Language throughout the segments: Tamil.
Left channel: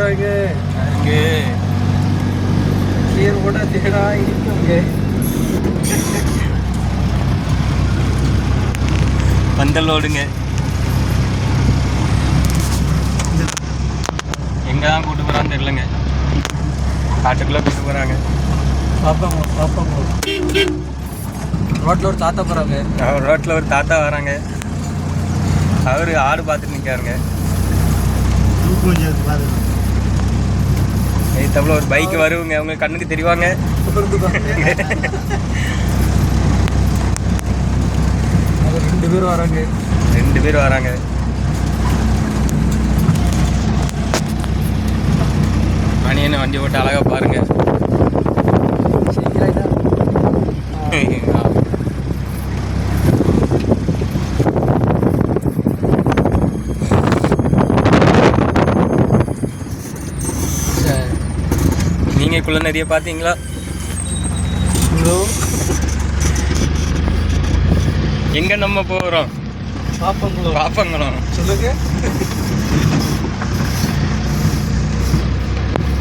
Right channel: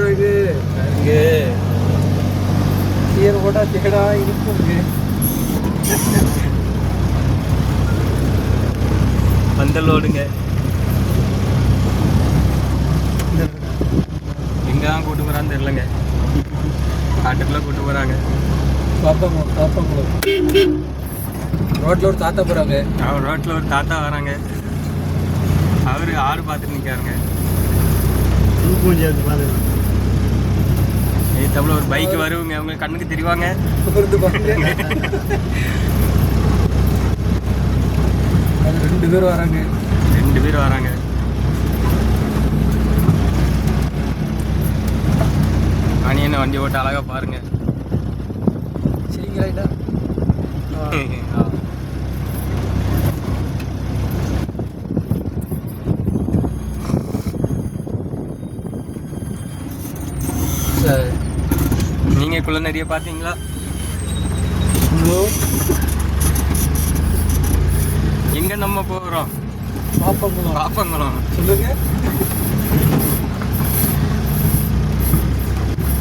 ஓட்டுறதுக்கு இங்கே சீர் போட்டா சீடா இருக்குங்க. பந்தல் ஓடுங்க. எங்கே தான் கூட்டு போகிறான்னு தெரிலங்க. காட்டுக்குள்ளே கூட்டு போகிறாங்க. பாப்பாங்குளம் ரோட்டில் ஒரு தாத்தா போகிறாங்க. ரோட்டில் ஒரு தாத்தா வராங்க. அவர் ஆடு பார்த்துட்டு நிற்காருங்க. தவிர ஒரு பைக் வருவங்க. அவங்க கண்ணுக்கு தெரிவாங்க. அது 2 பேர் வராங்க. 2 பேர் வராங்க. மணியனை வண்டி போட்டு அழகா பாருங்க. நீங்க குள்ள நிறைய பாத்தீங்களா? எங்க நம்ம போறோம்? பாப்பங்குளம் சொல்லுங்க.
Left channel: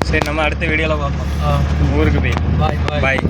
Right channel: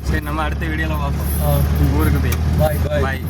சரி, நம்ம அடுத்த வீடியோல பார்ப்போம். ஊருக்கு போய் பாய் பாய்.